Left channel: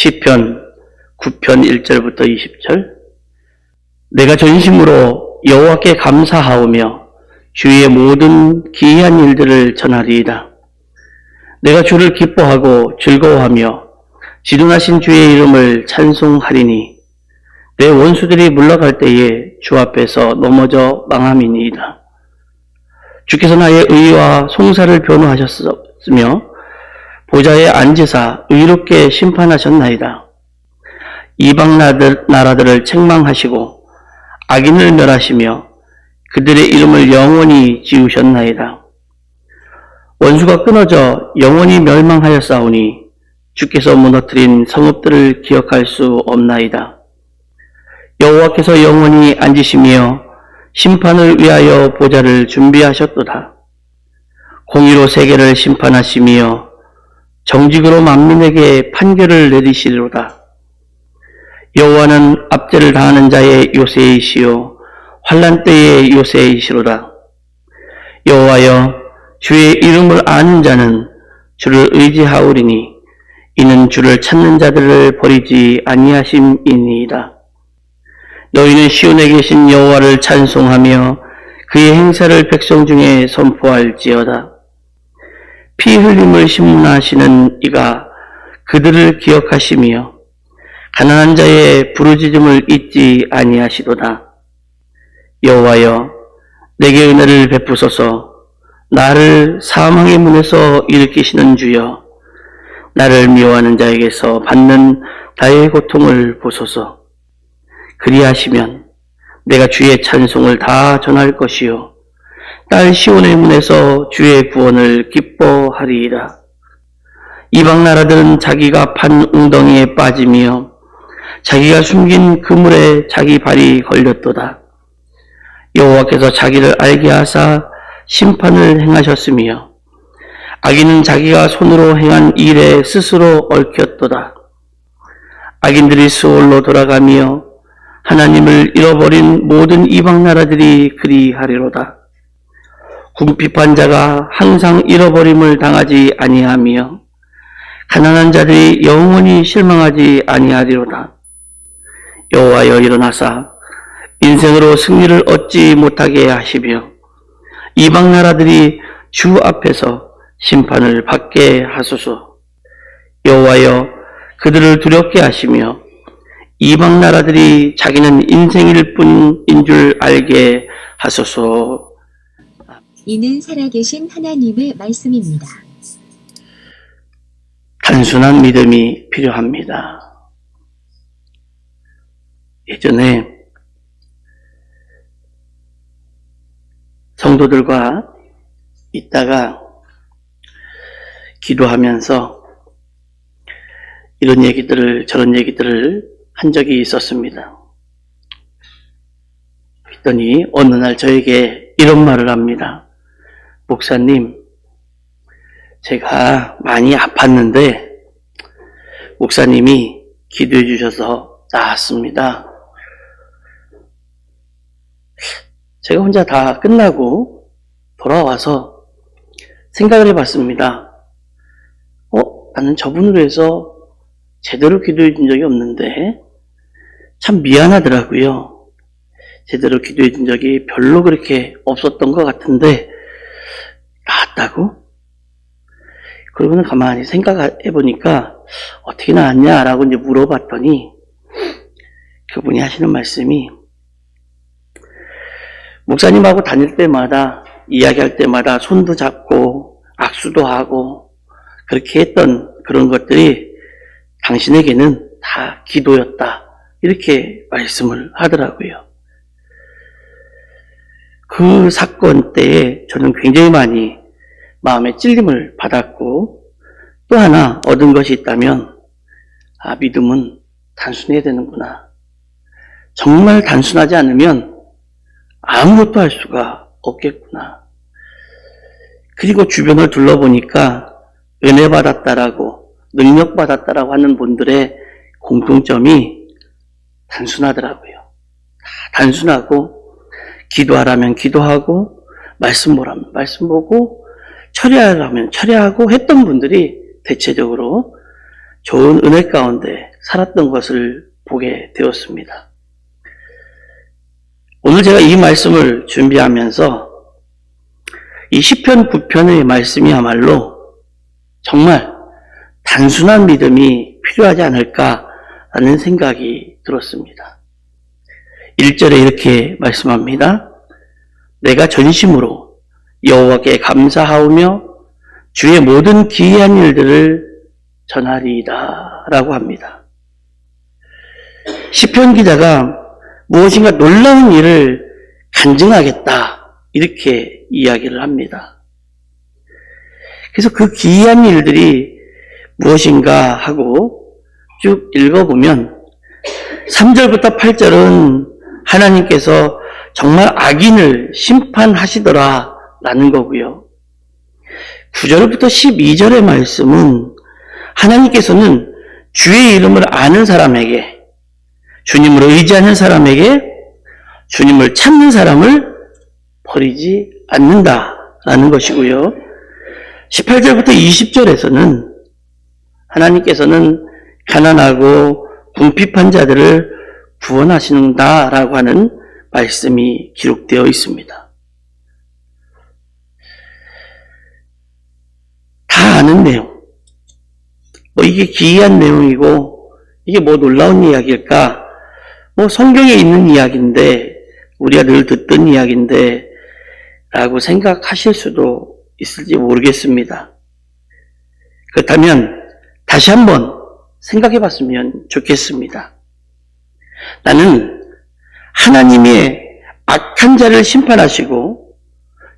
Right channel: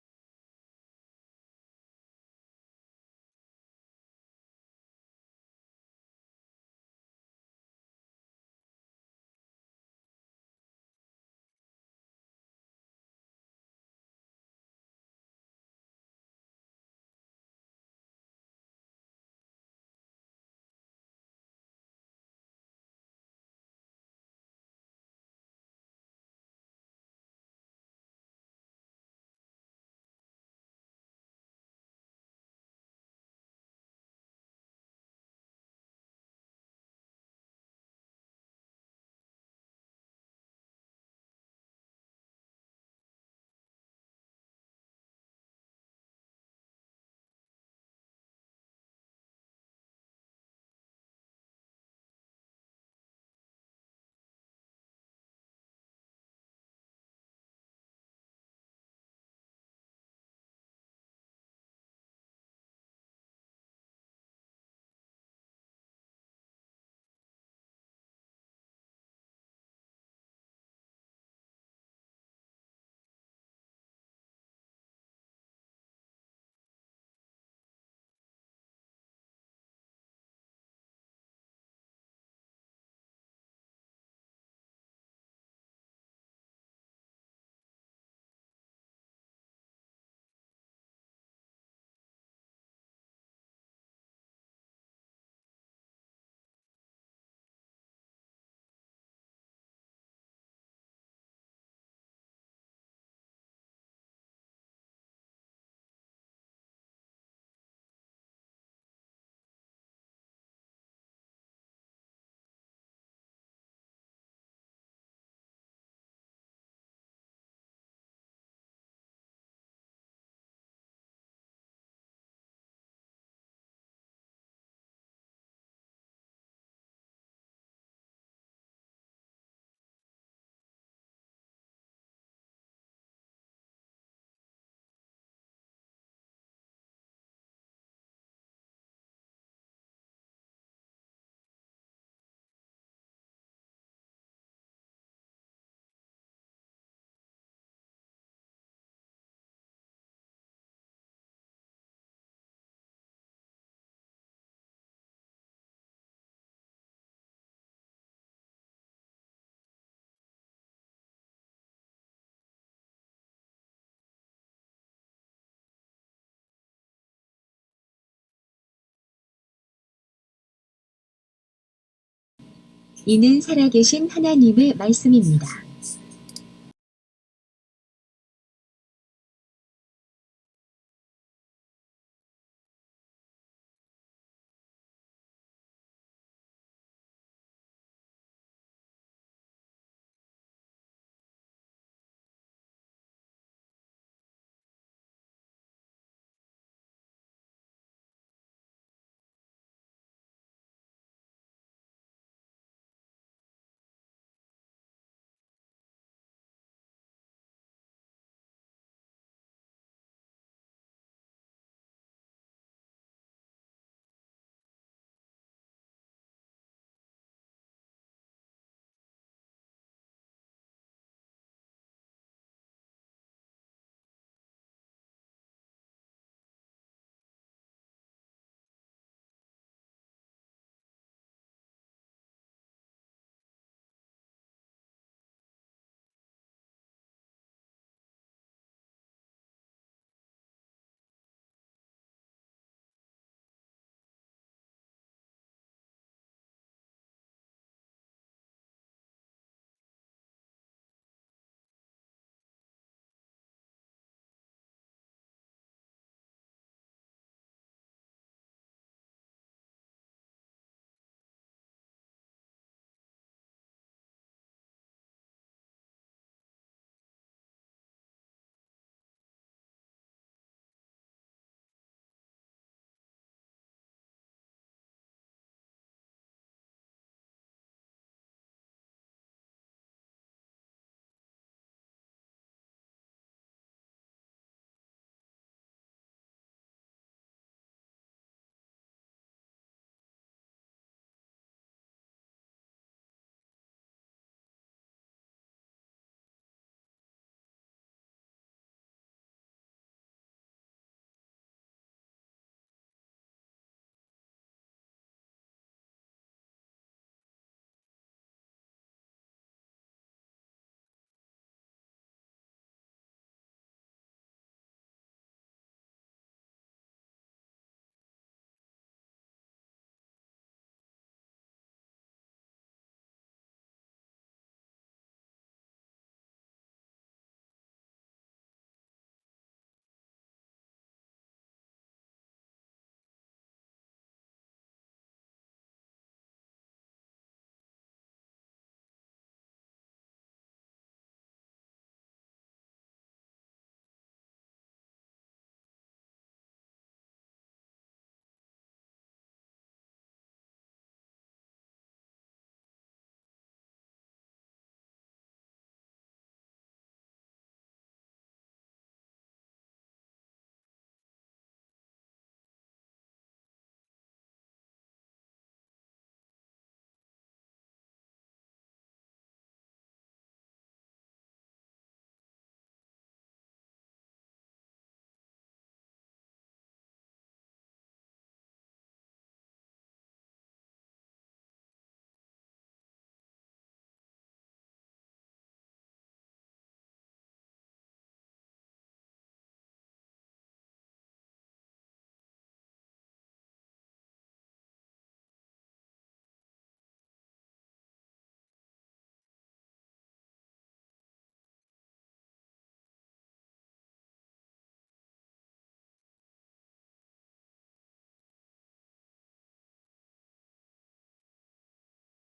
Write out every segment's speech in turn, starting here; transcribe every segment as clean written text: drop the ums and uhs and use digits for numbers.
시편 9편 1절부터 20절. 내가 전심으로 여호와께 감사하오며 주의 모든 기이한 일들을 전하리이다. 내가 주를 기뻐하고 즐거워하며 지존하신 주의 이름을 찬송하리니 내 원수들이 물러갈 때에 주 앞에서 넘어져 망함이니이다. 주께서 나의 의와 송사를 변호하셨으며 보좌에 앉으사 의롭게 심판하셨나이다. 이방 나라들을 책망하시고 악인을 멸하시며 그들의 이름을 영원히 지우셨나이다. 원수가 끊어져 영원히 멸망하였사오니 주께서 무너뜨린 성읍들을 기억할 수 없나이다. 여호와께서 영원히 앉으시며 심판을 위하여 보좌를 준비하셨도다. 공의로 세계를 심판하시며 정직으로 만민에게 판결을 내리시리로다. 여호와는 압제를 당하는 자의 요새이시요 환난 때의 요새이시로다. 여호와여, 주의 이름을 아는 자는 주를 의지하오리니 이는 주를 찾는 자들을 버리지 아니하심이니이다. 너희는 시온에 계신 여호와를 찬송하며 그의 행사를 백성 중에 선포할지어다. 피 흘림을 심문하시는 이가 그들을 기억하시며 가난한 자의 부르짖음을 잊지 아니하시도다. 여호와여, 내게 은혜를 베푸소서. 나를 사망의 문에서 일으키시는 주여, 나를 미워하는 자에게서 받는 나의 고통을 보소서. 그리하시면 내가 주의 찬송을 다 전할 것이요 딸 시온의 문에서 주의 구원을 기뻐하리이다. 이방 나라들은 자기가 판 웅덩이에 빠지며 자기가 숨긴 그물에 자기 발이 걸렸도다. 여호와께서 자기를 알게 하사 심판을 행하셨으며 악인은 자기가 손으로 행한 일에 스스로 얽혔도다. 악인들이 수월로 돌아가며 하나님을 잃어버린 모든 이방 나라들이 그리하리로다. 궁핍한 자가 항상 잃어버림을 당하지 아니하며 가난한 자들이 영원히 실망하지 아니하리로다. 여호와여, 일어나사 인생으로 승리를 얻지 못하게 하시며 이방 나라들이 주 앞에서 심판을 받게 하소서. 여호와여, 그들을 두렵게 하시며 이방 나라들이 자기는 인생일 뿐인 줄 알게 하소서. 이는 살아계신 하나님의 말씀입니다. 단순한 믿음이 필요합니다. 예전에 성도들과 있다가 기도하면서 이런 얘기들을 저런 얘기들을 한 적이 있었습니다. 그랬더니 어느 날 저에게 이런 말을 합니다. 목사님, 제가 많이 아팠는데 목사님이 기도해 주셔서 나았습니다. 제가 혼자 다 끝나고 돌아와서 생각을 해봤습니다. 나는 저분으로 해서 제대로 기도해 준 적이 없는데 참 미안하더라고요. 제대로 기도해 준 적이 별로 그렇게 없었던 것 같은데 나았다고? 그러고는 가만히 생각해 보니까 어떻게 나았냐라고 이제 물어봤더니 그분이 하시는 말씀이 목사님하고 다닐 때마다 이야기할 때마다 손도 잡고 악수도 하고 그렇게 했던 그런 것들이 당신에게는 다 기도였다. 이렇게 말씀을 하더라고요. 그 사건 때에 저는 굉장히 많이 마음에 찔림을 받았고 또 하나 얻은 것이 있다면 믿음은 단순해야 되는구나. 정말 단순하지 않으면 아무것도 할 수가 없겠구나. 그리고 주변을 둘러보니까 은혜 받았다라고 능력 받았다라고 하는 분들의 공통점이 단순하더라고요. 단순하고 기도하라면 기도하고 말씀 보라면 말씀 보고 처리하라면 처리하고 했던 분들이 대체적으로 좋은 은혜 가운데 살았던 것을 보게 되었습니다. 오늘 제가 이 말씀을 준비하면서 이 시편 9편의 말씀이야말로 정말 단순한 믿음이 필요하지 않을까라는 생각이 들었습니다. 1절에 이렇게 말씀합니다. 내가 전심으로 여호와께 감사하오며 주의 모든 기이한 일들을 전하리이다 라고 합니다. 시편 기자가 무엇인가 놀라운 일을 간증하겠다 이렇게 이야기를 합니다. 그래서 그 기이한 일들이 무엇인가 하고 쭉 읽어보면 3절부터 8절은 하나님께서 정말 악인을 심판하시더라 라는 거고요. 9절부터 12절의 말씀은 하나님께서는 주의 이름을 아는 사람에게, 주님을 의지하는 사람에게, 주님을 찾는 사람을 버리지 않는다라는 것이고요. 18절부터 20절에서는 하나님께서는 가난하고 궁핍한 자들을 구원하신다라고 하는 말씀이 기록되어 있습니다. 다 아는 내용. 이게 기이한 내용이고 이게 놀라운 이야기일까? 성경에 있는 이야기인데 우리가 늘 듣던 이야기인데 라고 생각하실 수도 있을지 모르겠습니다. 그렇다면 다시 한번 생각해 봤으면 좋겠습니다. 나는 하나님의 악한 자를 심판하시고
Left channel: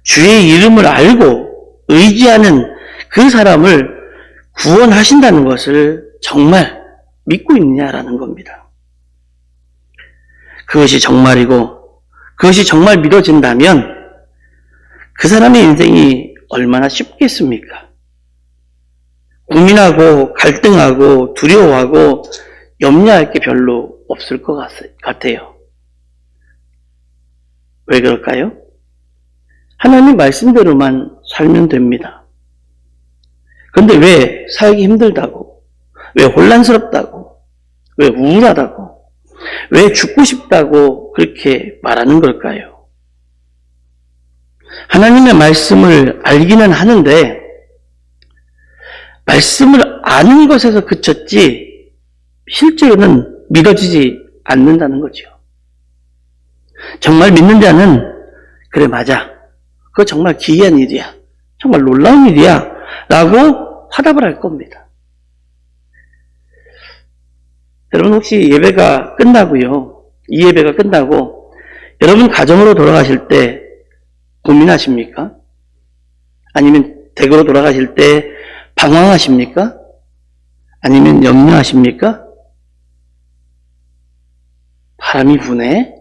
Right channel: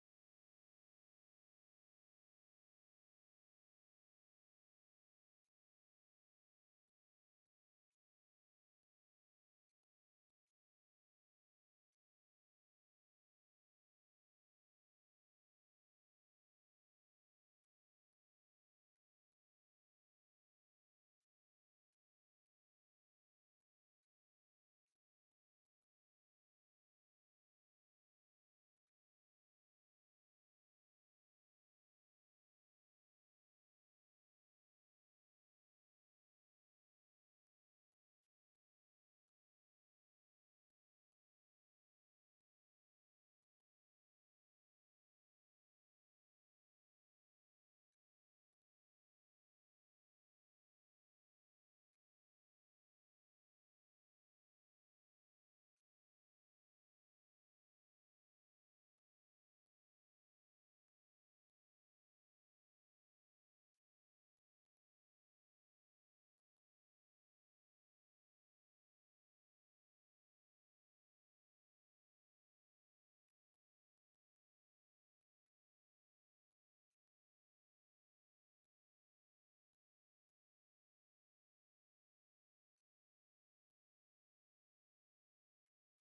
주의 이름을 알고 의지하는 그 사람을 구원하신다는 것을 정말 믿고 있느냐라는 겁니다. 그것이 정말이고 그것이 정말 믿어진다면 그 사람의 인생이 얼마나 쉽겠습니까? 고민하고 갈등하고 두려워하고 염려할 게 별로 없을 것 같아요. 왜 그럴까요? 하나님 말씀대로만 살면 됩니다. 그런데 왜 살기 힘들다고, 왜 혼란스럽다고, 왜 우울하다고, 왜 죽고 싶다고 그렇게 말하는 걸까요? 하나님의 말씀을 알기는 하는데 말씀을 아는 것에서 그쳤지 실제로는 믿어지지 않는다는 거죠. 정말 믿는 자는 그래 맞아. 그거 정말 기이한 일이야. 정말 놀라운 일이야. 라고 화답을 할 겁니다. 여러분 혹시 예배가 끝나고요. 이 예배가 끝나고 여러분 가정으로 돌아가실 때 고민하십니까? 아니면 댁으로 돌아가실 때 방황하십니까? 아니면 염려하십니까? 바람이 부네?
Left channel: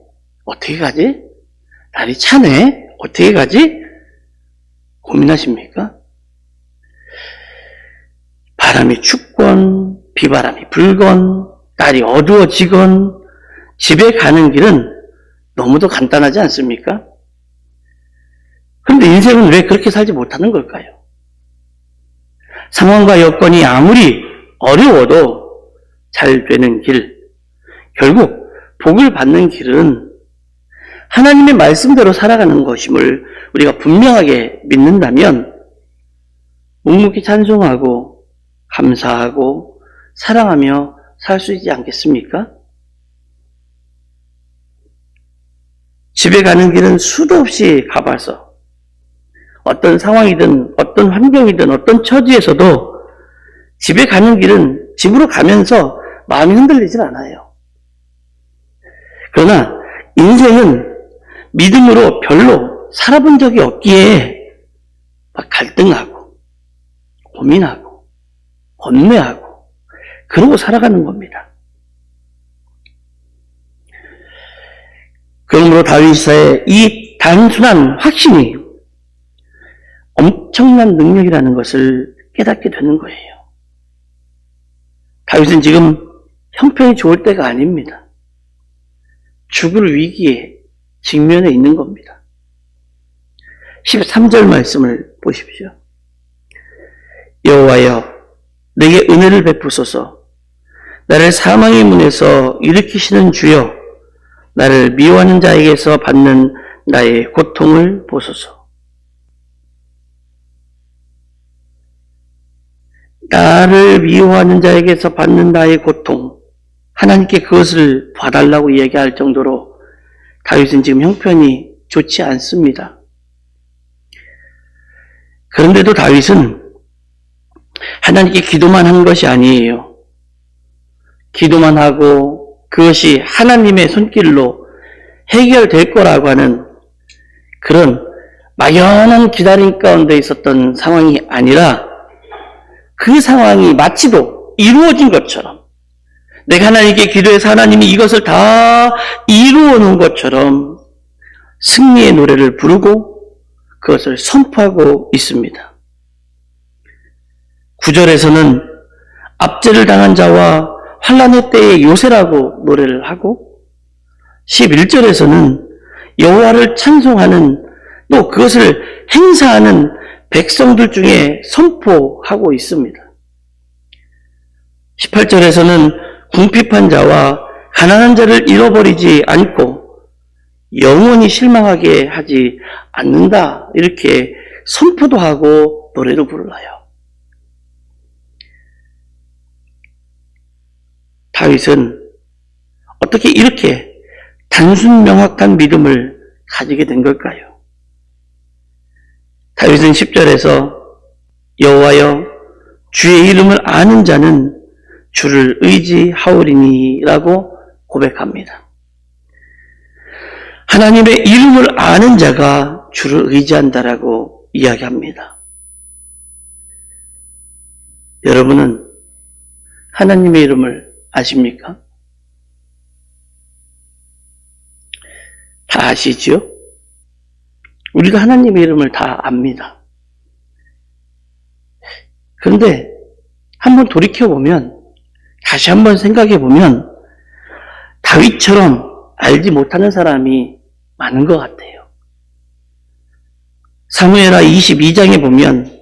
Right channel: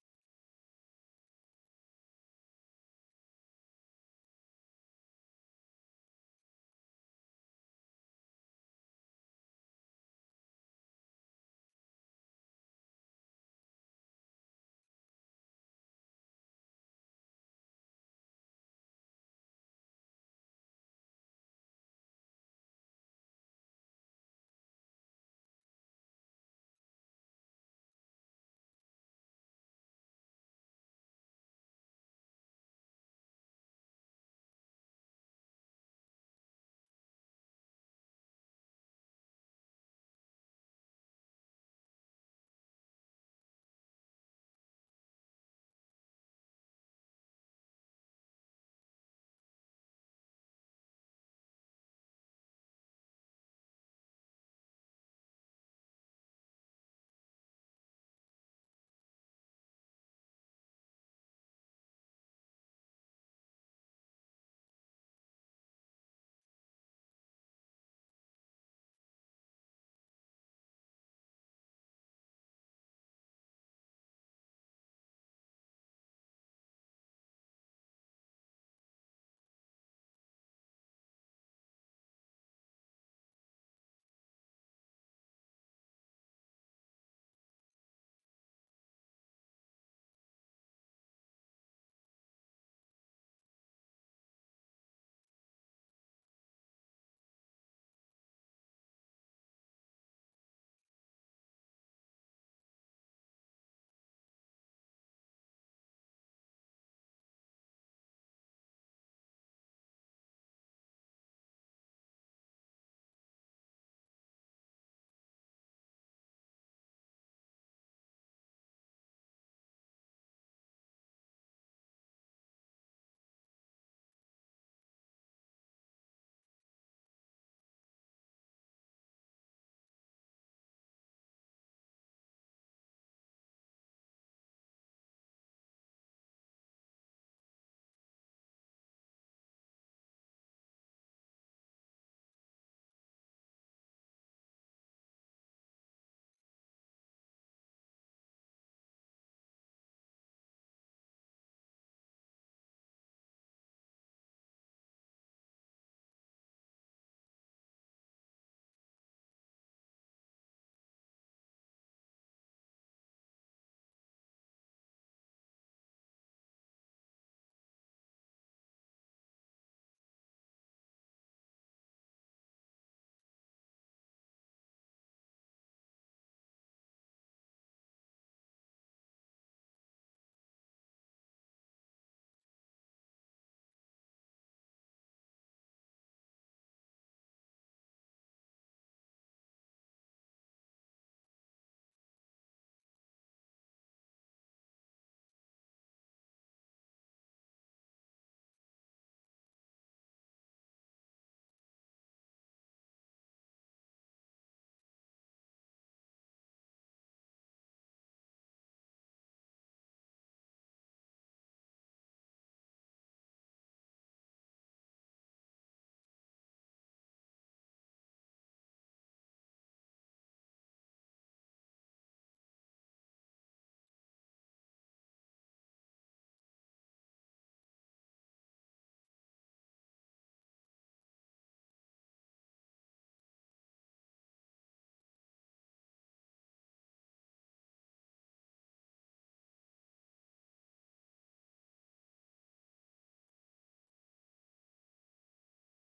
어떻게 가지? 날이 차네? 어떻게 가지? 고민하십니까? 바람이 춥건 비바람이 불건 날이 어두워지건 집에 가는 길은 너무도 간단하지 않습니까? 그런데 인생은 왜 그렇게 살지 못하는 걸까요? 상황과 여건이 아무리 어려워도 잘 되는 길, 결국 복을 받는 길은 하나님의 말씀대로 살아가는 것임을 우리가 분명하게 믿는다면 묵묵히 찬송하고 감사하고 사랑하며 살 수 있지 않겠습니까? 집에 가는 길은 수도 없이 가봐서 어떤 상황이든 어떤 환경이든 어떤 처지에서도 집에 가는 길은 집으로 가면서 마음이 흔들리질 않아요. 그러나 인생은 믿음으로 별로 살아본 적이 없기에 막 갈등하고 고민하고 번뇌하고 그러고 살아가는 겁니다. 그러므로 다윗의 이 단순한 확신이 엄청난 능력이라는 것을 깨닫게 되는 거예요. 다윗은 지금 형편이 좋을 때가 아닙니다. 죽을 위기에 직면해 있는 겁니다. 13절 말씀을 보십시오. 여호와여 내게 은혜를 베푸소서 나를 사망의 문에서 일으키시는 주여, 나를 미워하는 자에게서 받는 나의 고통을 보소서. 나를 미워하는 자에게서 받는 나의 고통, 하나님께 그것을 봐달라고 이야기할 정도로 다윗은 지금 형편이 좋지 않습니다. 그런데도 다윗은 하나님께 기도만 한 것이 아니에요. 기도만 하고 그것이 하나님의 손길로 해결될 거라고 하는 그런 막연한 기다림 가운데 있었던 상황이 아니라 그 상황이 마치도 이루어진 것처럼, 내가 하나님께 기도해서 하나님이 이것을 다 이루어 놓은 것처럼 승리의 노래를 부르고 그것을 선포하고 있습니다. 9절에서는 압제를 당한 자와 환난의 때의 요새라고 노래를 하고, 11절에서는 여호와를 찬송하는, 또 그것을 행사하는 백성들 중에 선포하고 있습니다. 18절에서는 궁핍한 자와 가난한 자를 잃어버리지 않고 영원히 실망하게 하지 않는다, 이렇게 선포도 하고 노래도 불러요. 다윗은 어떻게 이렇게 단순 명확한 믿음을 가지게 된 걸까요? 다윗은 10절에서 여호와여, 주의 이름을 아는 자는 주를 의지하오리니 라고 고백합니다. 하나님의 이름을 아는 자가 주를 의지한다라고 이야기합니다. 여러분은 하나님의 이름을 아십니까? 다 아시죠? 우리가 하나님의 이름을 다 압니다. 그런데 한번 돌이켜보면, 다시 한번 생각해보면 다윗처럼 알지 못하는 사람이 많은 것 같아요. 사무엘하 22장에 보면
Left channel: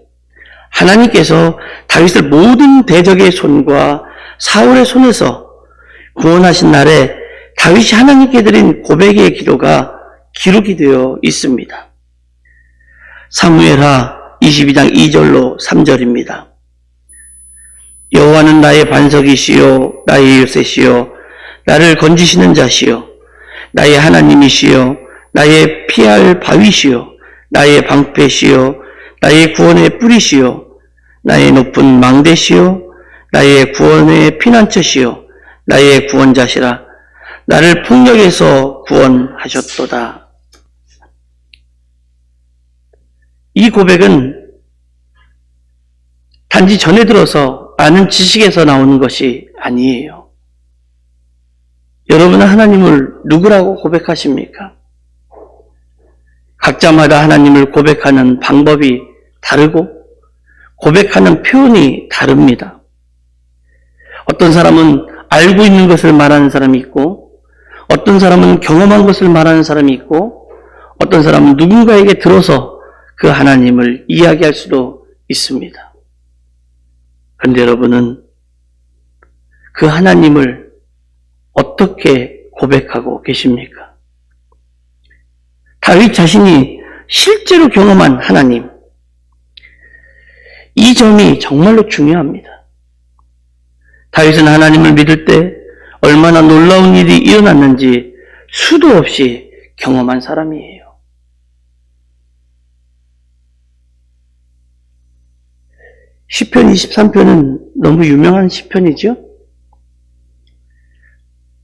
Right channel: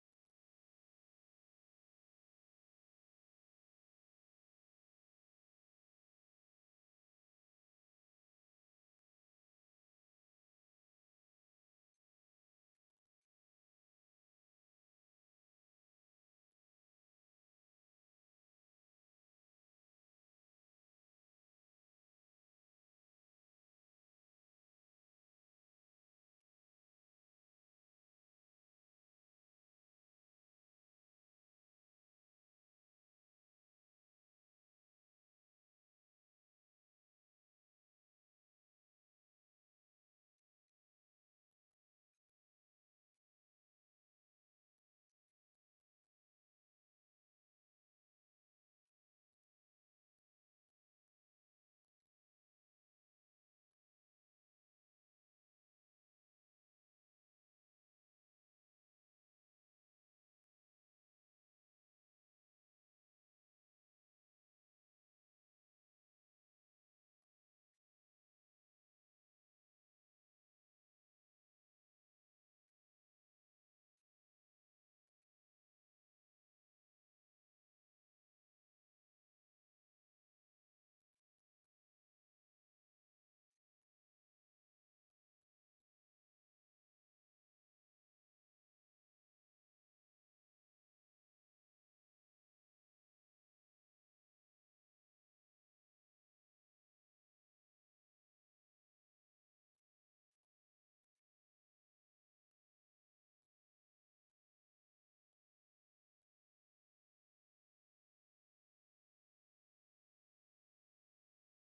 하나님께서 다윗을 모든 대적의 손과 사울의 손에서 구원하신 날에 다윗이 하나님께 드린 고백의 기도가 기록이 되어 있습니다. 사무엘하 22장 2절로 3절입니다. 여호와는 나의 반석이시요 나의 요새시요 나를 건지시는 자시요 나의 하나님이시요 나의 피할 바위시요 나의 방패시요 나의 구원의 뿌리시요 나의 높은 망대시요 나의 구원의 피난처시요 나의 구원자시라. 나를 폭력에서 구원하셨도다. 이 고백은 단지 전해 들어서 아는 지식에서 나오는 것이 아니에요. 여러분은 하나님을 누구라고 고백하십니까? 각자마다 하나님을 고백하는 방법이 다르고 고백하는 표현이 다릅니다. 어떤 사람은 알고 있는 것을 말하는 사람이 있고, 어떤 사람은 경험한 것을 말하는 사람이 있고, 어떤 사람은 누군가에게 들어서 그 하나님을 이야기할 수도 있습니다. 그런데 여러분은 그 하나님을 어떻게 고백하고 계십니까? 다윗 자신이 실제로 경험한 하나님, 이 점이 정말로 중요합니다. 다윗은 하나님을 믿을 때 얼마나 놀라운 일이 일어났는지 수도 없이 경험한 사람이에요. 시편 23편은 너무 유명한 시편이죠.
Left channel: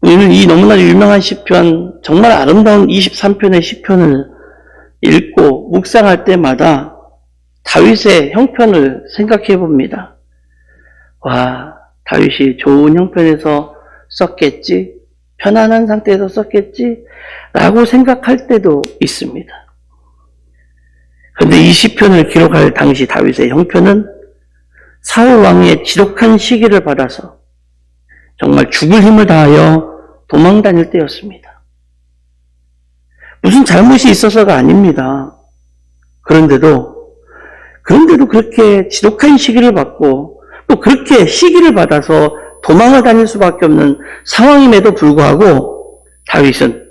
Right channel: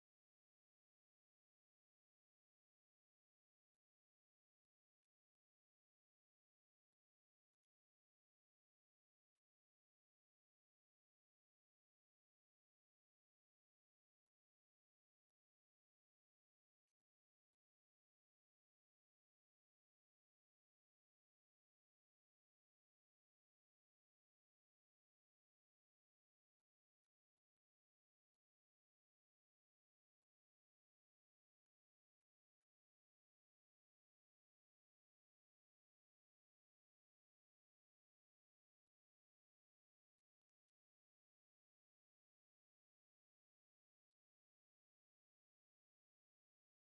우리는 이 너무나 유명한 시편, 정말 아름다운 23편의 시편을 읽고 묵상할 때마다 다윗의 형편을 생각해 봅니다. 와, 다윗이 좋은 형편에서 썼겠지, 편안한 상태에서 썼겠지 라고 생각할 때도 있습니다. 그런데 이 시편을 기록할 당시 다윗의 형편은 사울 왕의 지독한 시기를 받아서 정말 죽을 힘을 다하여 도망 다닐 때였습니다. 무슨 잘못이 있어서가 아닙니다. 그런데도 그렇게 지독한 시기를 받고 또 그렇게 시기를 받아서 도망을 다닐 수밖에 없는 상황임에도 불구하고 다윗은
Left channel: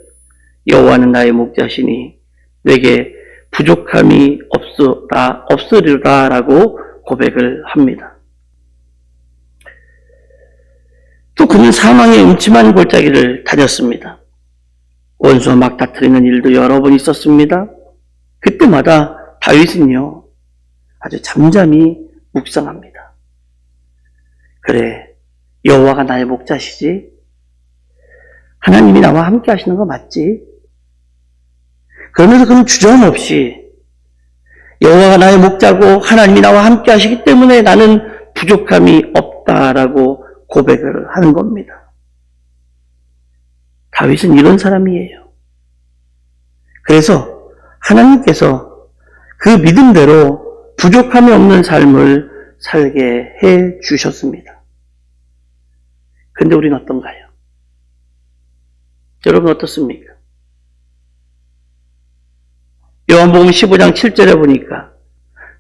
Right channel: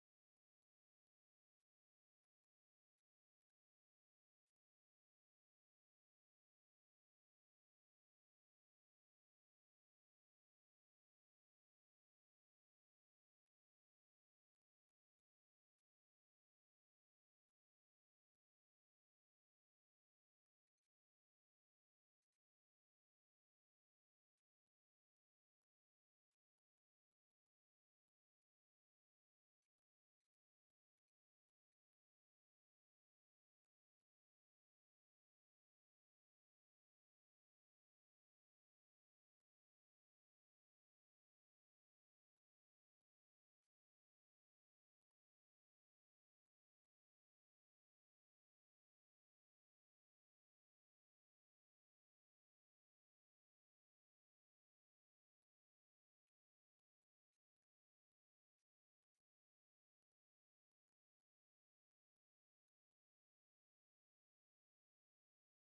여호와는 나의 목자시니 내게 부족함이 없으리라 라고 고백을 합니다. 또 그는 사망의 음침한 골짜기를 다녔습니다. 원수와 막 다투리는 일도 여러 번 있었습니다. 그때마다 다윗은요, 아주 잠잠히 묵상합니다. 그래, 여호와가 나의 목자시지? 하나님이 나와 함께 하시는 거 맞지? 그러면서 그는 주저함없이 여호와가 나의 목자고 하나님이 나와 함께 하시기 때문에 나는 부족함이 없다라고 고백을 하는 겁니다. 다윗은 이런 사람이에요. 그래서 하나님께서 그 믿음대로 부족함이 없는 삶을 살게 해 주셨습니다. 근데 우리는 어떤가요? 여러분 어떻습니까? 요한복음 15장 7절에 보니까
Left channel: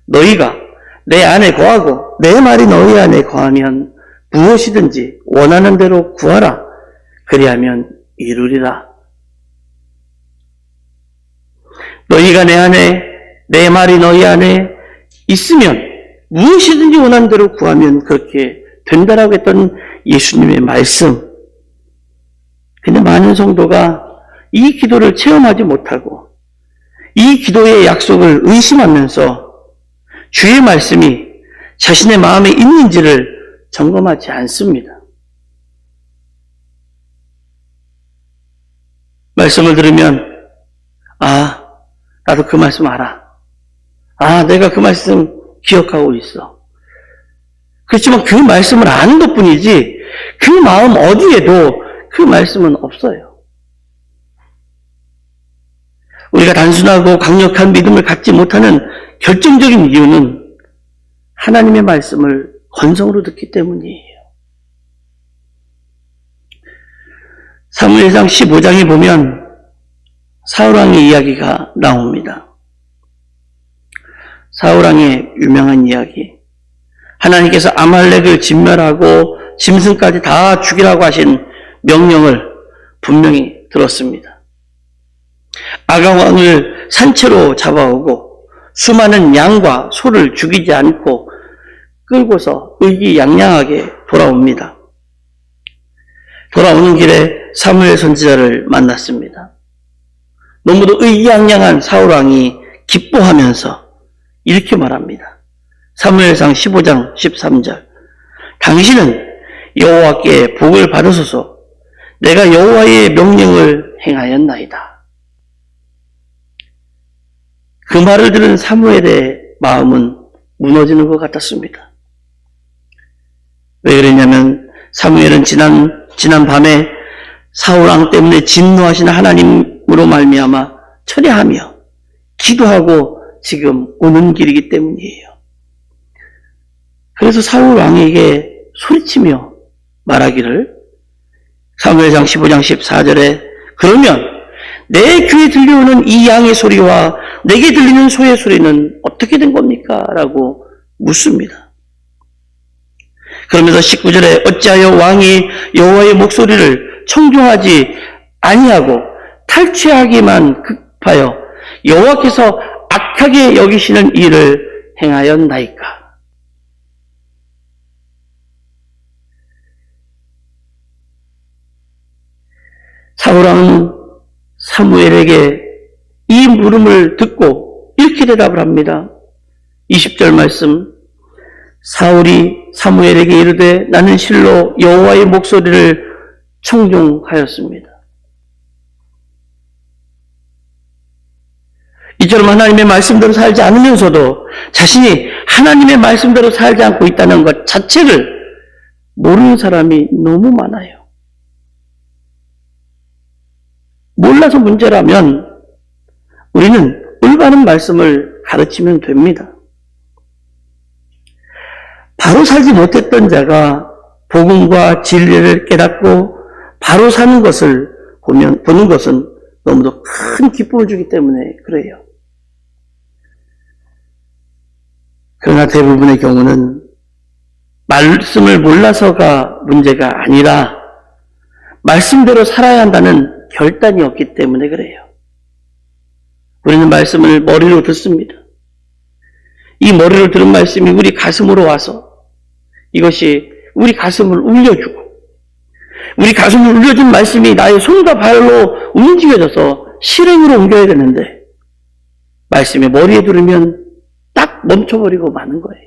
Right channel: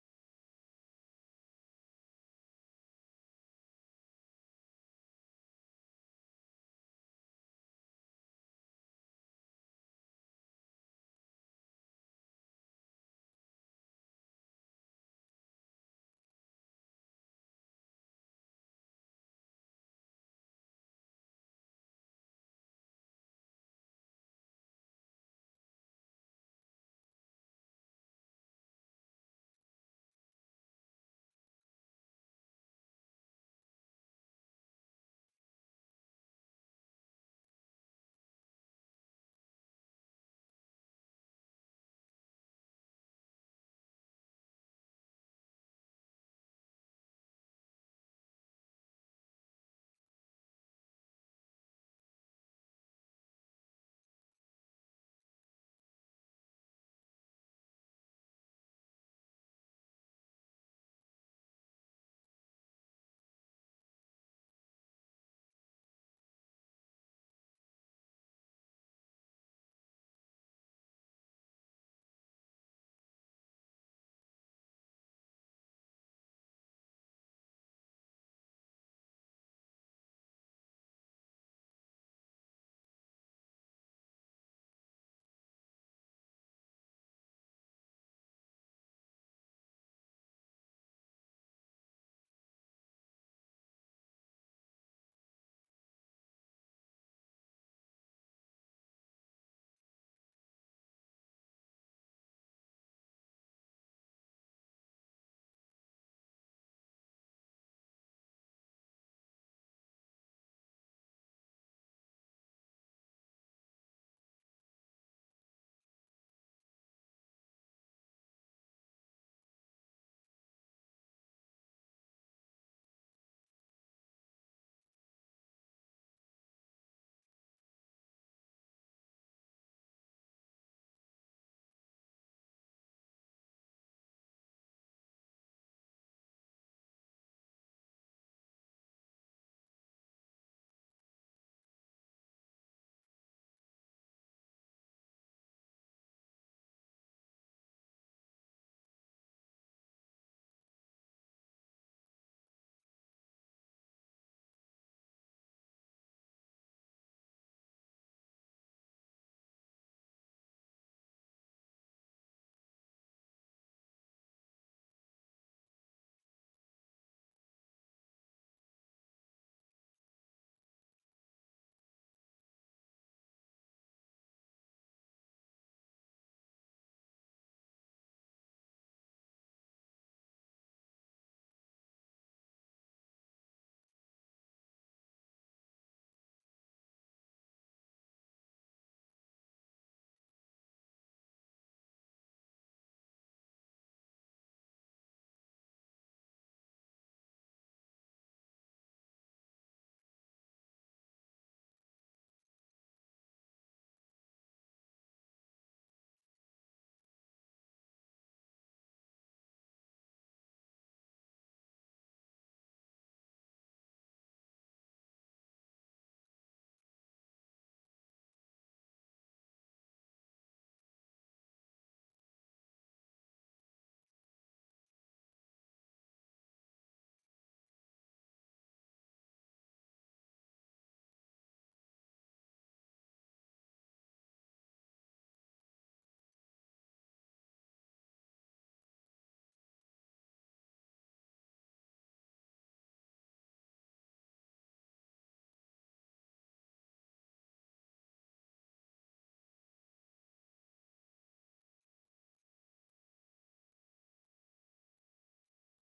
너희가 내 안에 거하고 내 말이 너희 안에 거하면 무엇이든지 원하는 대로 구하라. 그리하면 이루리라. 너희가 내 안에 내 말이 너희 안에 있으면 무엇이든지 원하는 대로 구하면 그렇게 된다라고 했던 예수님의 말씀. 근데 많은 성도가 이 기도를 체험하지 못하고 이 기도의 약속을 의심하면서 주의 말씀이 자신의 마음에 있는지를 점검하지 않습니다. 말씀을 들으면 나도 그 말씀 알아. 내가 그 말씀 기억하고 있어. 그렇지만 그 말씀을 아는 것뿐이지 그 마음 어디에도 그 말씀은 없어요. 우리가 단순하고 강력한 믿음을 갖지 못하는 결정적인 이유는 하나님의 말씀을 건성으로 듣기 때문이에요. 사무엘상 15장에 보면 사울왕의 이야기가 나옵니다. 사울왕의 유명한 이야기. 하나님께서 아말렉을 진멸하고 짐승까지 다 죽이라고 하신 명령을 분명히 들었습니다. 아가왕을 산채로 잡아오고 수많은 양과 소를 죽이지 않고 끌고서 의기양양하게 돌아옵니다. 돌아오는 길에 사무엘 선지자를 만났습니다. 너무도 의기양양한 사울왕이 기뻐하면서 이렇게 말합니다. 사무엘상 15장 13절. 당신은 여호와께 복을 받으소서. 내가 여호와의 명령을 행하였나이다. 그 말을 들은 사무엘의 마음은 무너지는 것 같았습니다. 왜 그랬냐면 사무엘은 지난 밤에 사울왕 때문에 진노하신 하나님으로 말미암아 철야하며 기도하고 지금 오는 길이기 때문이에요. 그래서 사울왕에게 소리치며 말하기를 사무엘상 15장 14절에 그러면 내 귀에 들려오는 이 양의 소리와 내게 들리는 소의 소리는 어떻게 된 겁니까? 라고 묻습니다. 그러면서 19절에 어찌하여 왕이 여호와의 목소리를 청종하지 아니하고 탈취하기만 급하여 여호와께서 악하게 여기시는 일을 행하였나이까? 사울왕은 사무엘에게 이 물음을 듣고 이렇게 대답을 합니다. 20절 말씀. 사울이 사무엘에게 이르되 나는 실로 여호와의 목소리를 청종하였습니다. 이처럼 하나님의 말씀대로 살지 않으면서도 자신이 하나님의 말씀대로 살지 않고 있다는 것 자체를 모르는 사람이 너무 많아요. 몰라서 문제라면 우리는 올바른 말씀을 가르치면 됩니다. 바로 살지 못했던 자가 복음과 진리를 깨닫고 바로 사는 것을 보는 것은 너무도 큰 기쁨을 주기 때문에 그래요. 그러나 대부분의 경우는 말씀을 몰라서가 문제가 아니라 말씀대로 살아야 한다는 결단이 없기 때문에 그래요. 우리는 말씀을 머리로 듣습니다. 이 머리로 들은 말씀이 우리 가슴으로 와서 이것이 우리 가슴을 울려주고, 우리 가슴을 울려준 말씀이 나의 손과 발로 움직여져서 실행으로 옮겨야 되는데, 말씀이 머리에 들으면 딱 멈춰버리고 마는 거예요.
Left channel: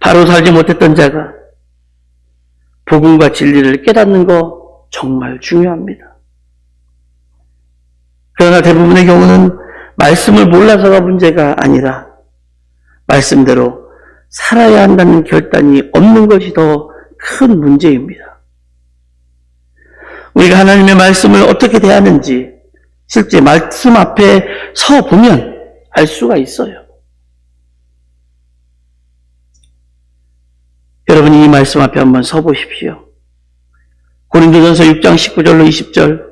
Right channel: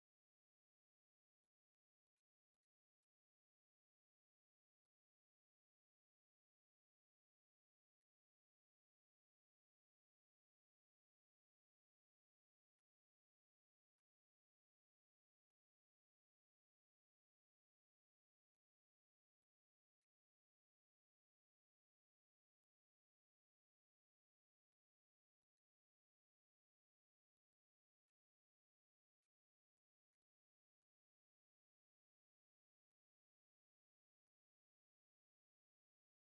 바로 살지 못했던 자가 복음과 진리를 깨닫는 거 정말 중요합니다. 그러나 대부분의 경우는 말씀을 몰라서가 문제가 아니라 말씀대로 살아야 한다는 결단이 없는 것이 더 큰 문제입니다. 우리가 하나님의 말씀을 어떻게 대하는지 실제 말씀 앞에 서 보면 알 수가 있어요. 여러분이 이 말씀 앞에 한번 서 보십시오. 고린도전서 6장 19절로 20절,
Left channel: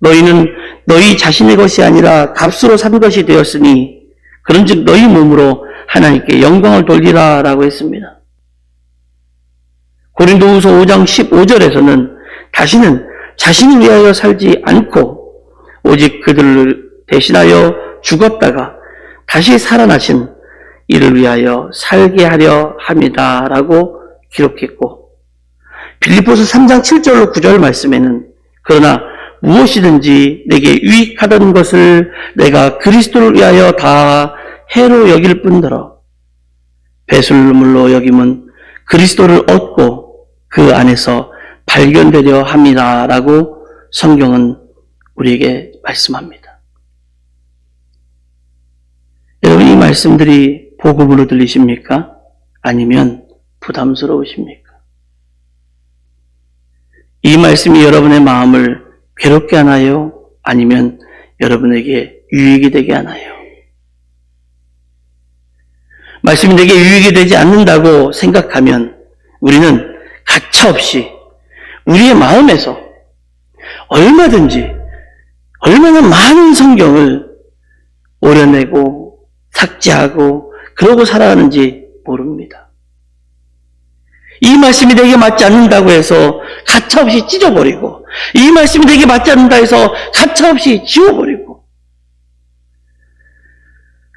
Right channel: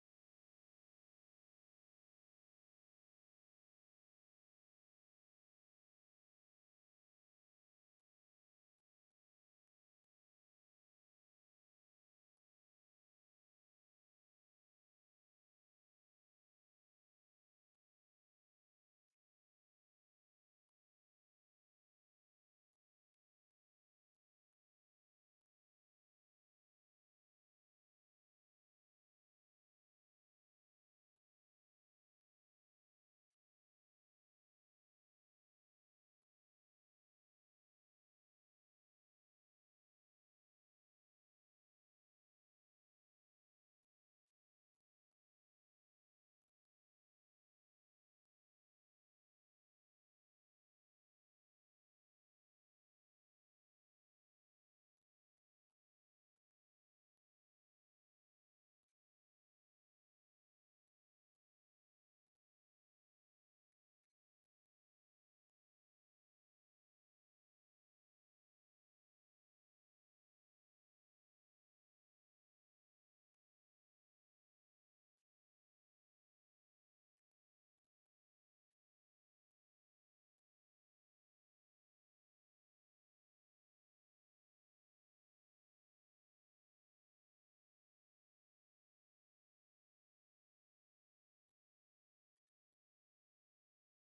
너희는 너희 자신의 것이 아니라 값으로 산 것이 되었으니 그런즉 너희 몸으로 하나님께 영광을 돌리라 라고 했습니다. 고린도후서 5장 15절에서는 다시는 자신을 위하여 살지 않고 오직 그들을 대신하여 죽었다가 다시 살아나신 이를 위하여 살게 하려 함이다 라고 기록했고, 빌립보서 3장 7절로 9절 말씀에는 그러나 무엇이든지 내게 유익하던 것을 내가 그리스도를 위하여 다 해로 여길 뿐더러 배설물로 여김은 그리스도를 얻고 그 안에서 발견되려 함이다 라고 성경은 우리에게 말씀합니다. 여러분, 이 말씀들이 복음으로 들리십니까? 아니면 부담스러우십니까? 이 말씀이 여러분의 마음을 괴롭게 하나요? 아니면 여러분에게 유익이 되게 하나요? 말씀이 내게 유익이 되지 않는다고 생각하면 우리는 가차없이 우리의 마음에서 얼마든지 얼마나 많은 성경을 오려내고 삭제하고 그러고 살아가는지 모릅니다. 이 말씀이 내게 맞지 않는다고 해서 가차없이 찢어버리고, 이 말씀이 내게 맞지 않는다 해서 가차없이 지워버리고,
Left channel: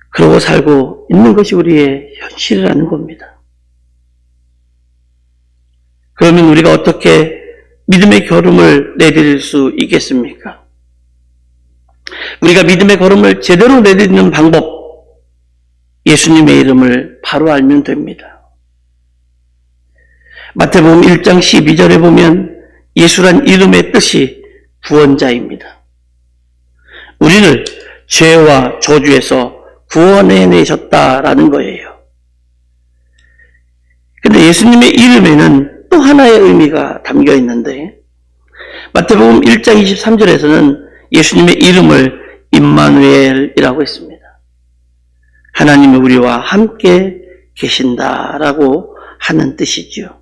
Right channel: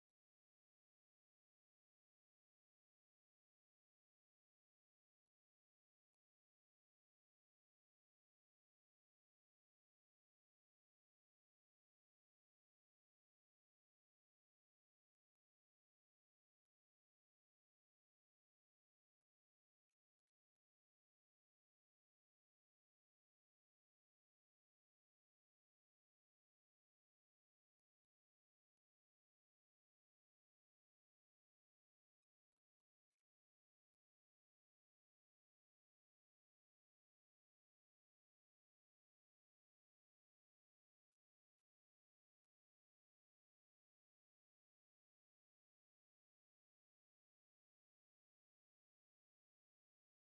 그러고 살고 있는 것이 우리의 현실이라는 겁니다. 그러면 우리가 어떻게 믿음의 걸음을 내디딜 수 있겠습니까? 우리가 믿음의 걸음을 제대로 내딛는 방법, 예수님의 이름을 바로 알면 됩니다. 마태복음 1장 12절에 보면 예수란 이름의 뜻이 구원자입니다. 우리를 죄와 저주에서 구원해내셨다라는 거예요. 근데 예수님의 이름에는 또 하나의 의미가 담겨 있는데, 마태복음 1장 23절에서는 예수님의 이름을 임마누엘이라고 했습니다. 하나님이 우리와 함께 계신다라고 하는 뜻이지요.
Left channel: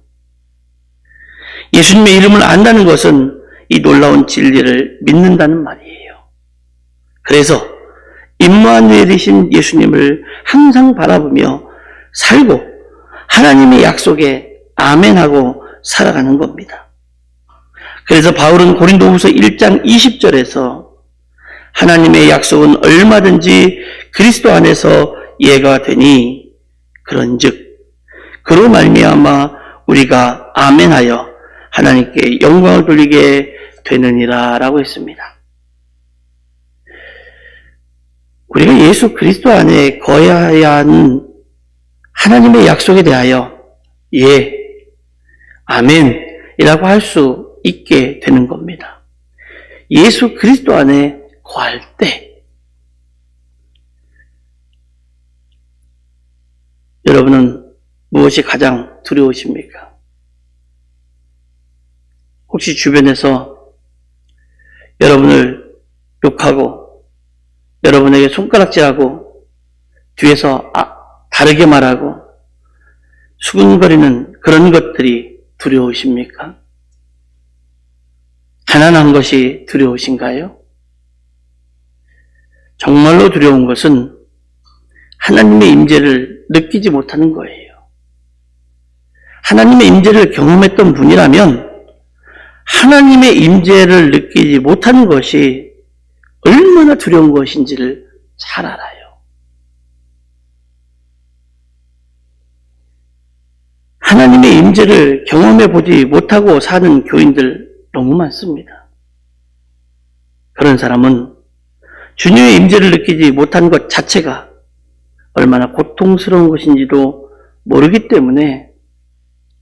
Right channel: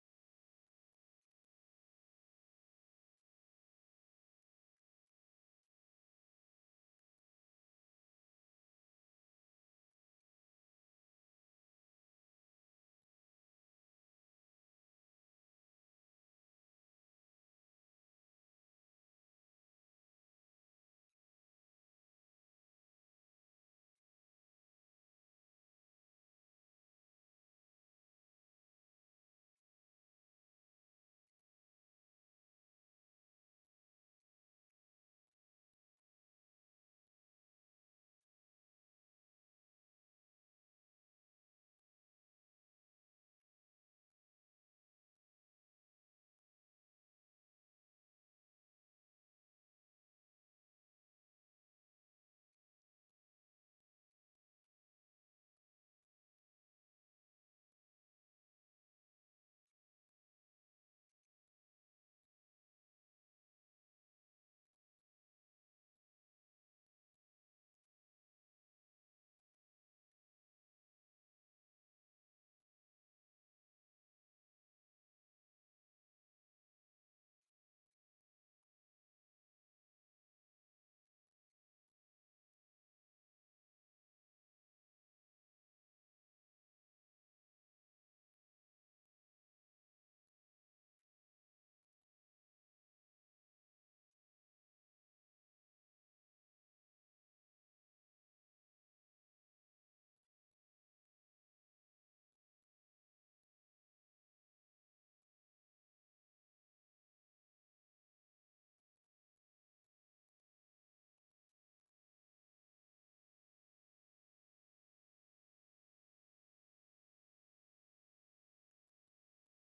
예수님의 이름을 안다는 것은 이 놀라운 진리를 믿는다는 말이에요. 그래서 임마누엘이신 예수님을 항상 바라보며 살고 하나님의 약속에 아멘하고 살아가는 겁니다. 그래서 바울은 고린도후서 1장 20절에서 하나님의 약속은 얼마든지 그리스도 안에서 예가 되니 그런즉 그로 말미암아 우리가 아멘하여 하나님께 영광을 돌리게 되느니라 라고 했습니다. 우리가 예수 그리스도 안에 거해야 하는 하나님의 약속에 대하여 예, 아멘이라고 할 수 있게 되는 겁니다. 예수 그리스도 안에 거할 때 여러분은 무엇이 가장 두려우십니까? 혹시 주변에서 여러분을 욕하고 여러분에게 손가락질하고 뒤에서 다르게 말하고 수근거리는 그런 것들이 두려우십니까? 가난한 것이 두려우신가요? 정말로 두려운 것은 하나님의 임재를 느끼지 못하는 거예요. 하나님의 임재를 경험했던 분이라면 하나님의 임재를 느끼지 못하는 것이 얼마나 두려운 것인지를 잘 알아요. 하나님의 임재를 경험해 보지 못하고 사는 교인들 너무 많습니다. 그런 사람은 주님의 임재를 느끼지 못하는 것 자체가 얼마나 고통스러운 것인지도 모르기 때문에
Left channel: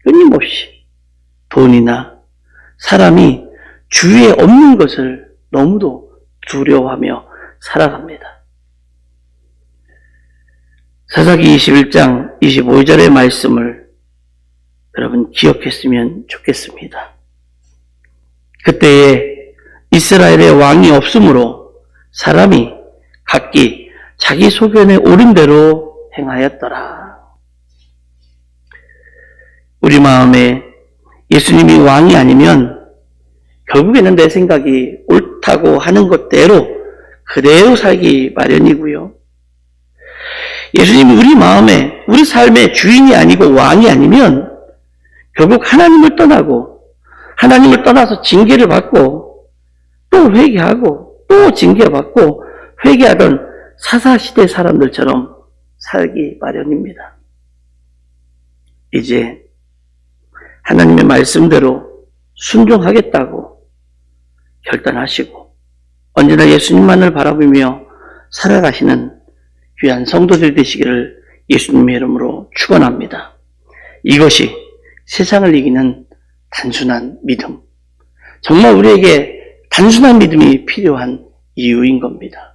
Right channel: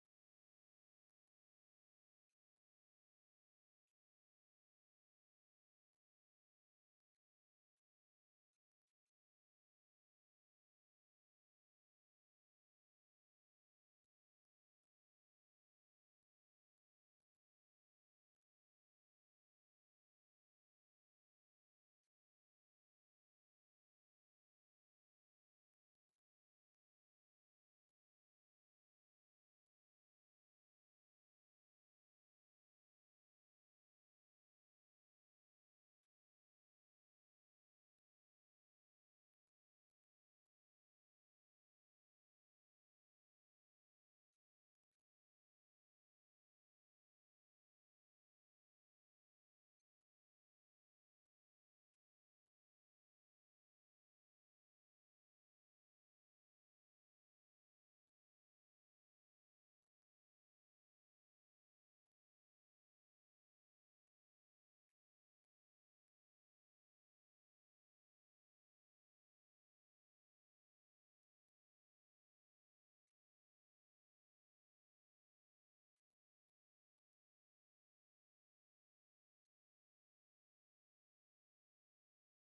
끊임없이 돈이나 사람이 주위에 없는 것을 너무도 두려워하며 살아갑니다. 사사기 21장 25절의 말씀을 여러분 기억했으면 좋겠습니다. 그때에 이스라엘의 왕이 없으므로 사람이 각기 자기 소견에 옳은 대로 행하였더라. 우리 마음에 예수님이 왕이 아니면 결국에는 내 생각이 옳다고 하는 것대로 그대로 살기 마련이고요. 예수님이 우리 마음에, 우리 삶의 주인이 아니고 왕이 아니면 결국 하나님을 떠나고 하나님을 떠나서 징계를 받고 또 회개하고 또 징계받고 회개하던 사사시대 사람들처럼 살기 마련입니다. 이제 하나님의 말씀대로 순종하겠다고 결단하시고 언제나 예수님만을 바라보며 살아가시는 귀한 성도들 되시기를 예수님의 이름으로 축원합니다. 이것이 세상을 이기는 단순한 믿음, 정말 우리에게 단순한 믿음이 필요한 이유인 겁니다.